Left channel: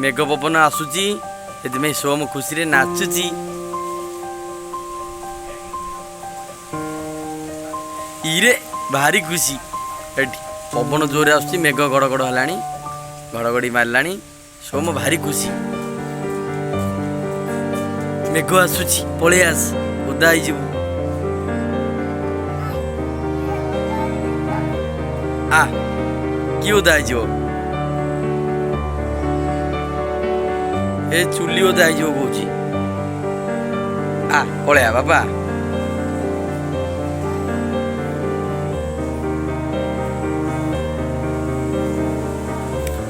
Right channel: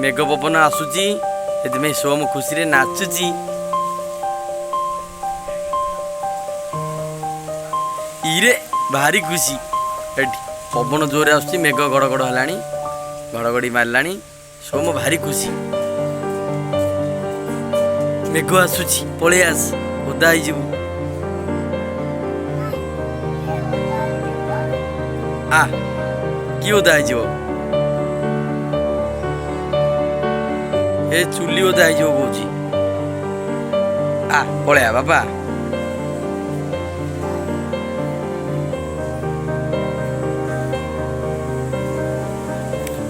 मेघ पवन आसूची से सोम खुशी नाचुची। इरे भारी खुशी एठी पवन जोरे आसूची मेघ गड़गड़ हलानी घड़घड़ी मारलानी सोम भारी खुशी। मेघ आसूची पळे आस ओदा हो जीवु आ कि ओदा हो जीवु ए चुली ओदा हो जीवु कहूची आ पळे आ बाबा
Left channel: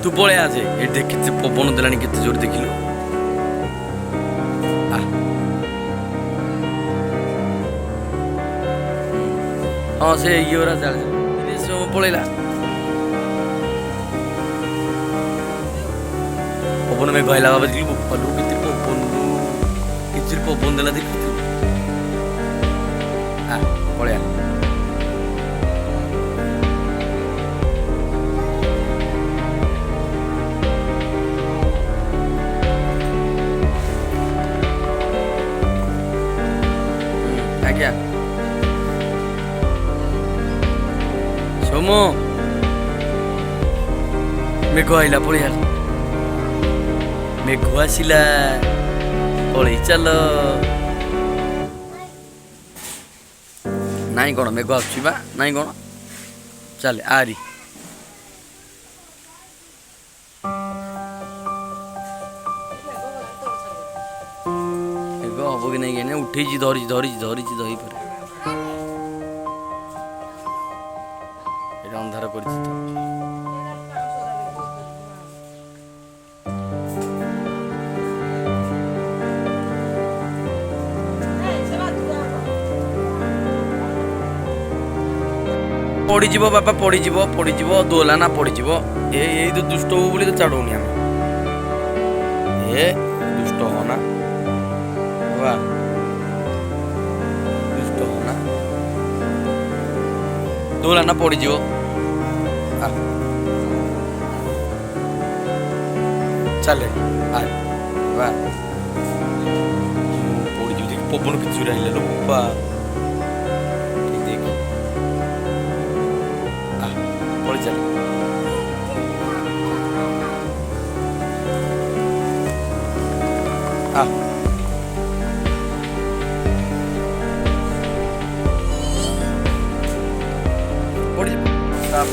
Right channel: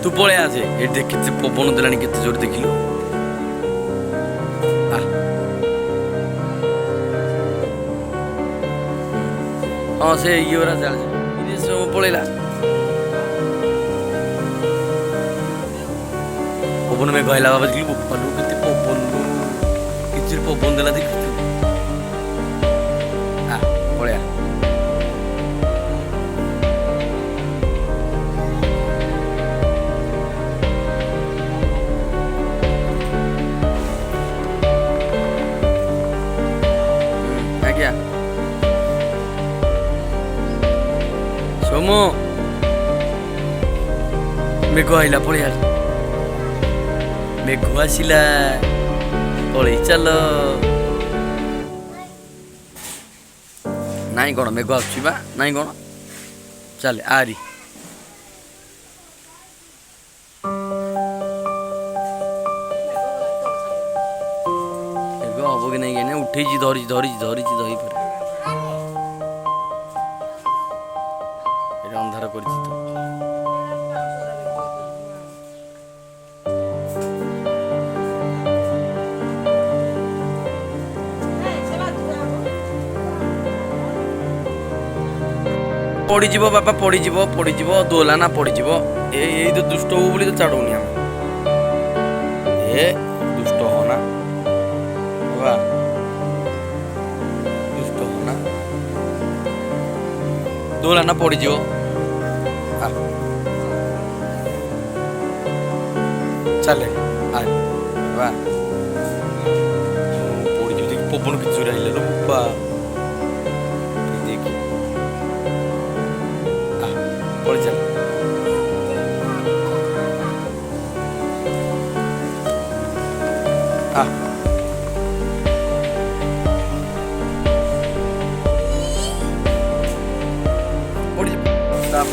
तू पळे आसे ए देख पवन देलानी केते जोर देखिलु आ हाँ से ये चल पड़ेगा पवन में कहला बाबा देखिलु पलू के पवन कि पवन देला देखु आ पड़े आज्ञा सोमो मेघ आइला पड़े मेघ आसला पड़े चल नाई कौन मेघ आसुबा नाई कौन चल आरी मेघ हम कि नहीं उठे धरी धरी धरी धरी पर अंधार कर पड़ीज बापा पड़ीज पड़ीज दोला ना पड़ीज ये तो दुष्ट हो बोली तो छाड़ूनी आम ए दुष्ट हो ना बाबा दुष्ट हो ना दोला ना पड़ीज चले वाह पड़ी देख पवन के चूरा लो बापा देख पड़ी चल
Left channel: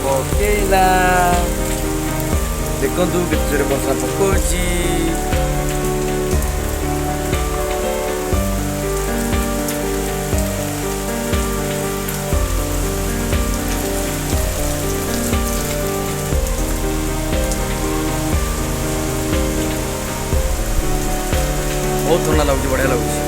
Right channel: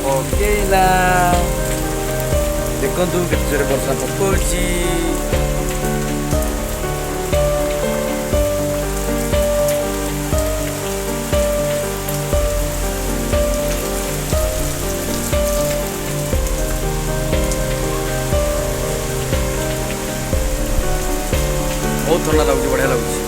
पकेला देखु के वर्षा पकौची बहुत ठंडा लगुच बढ़िया लगुच।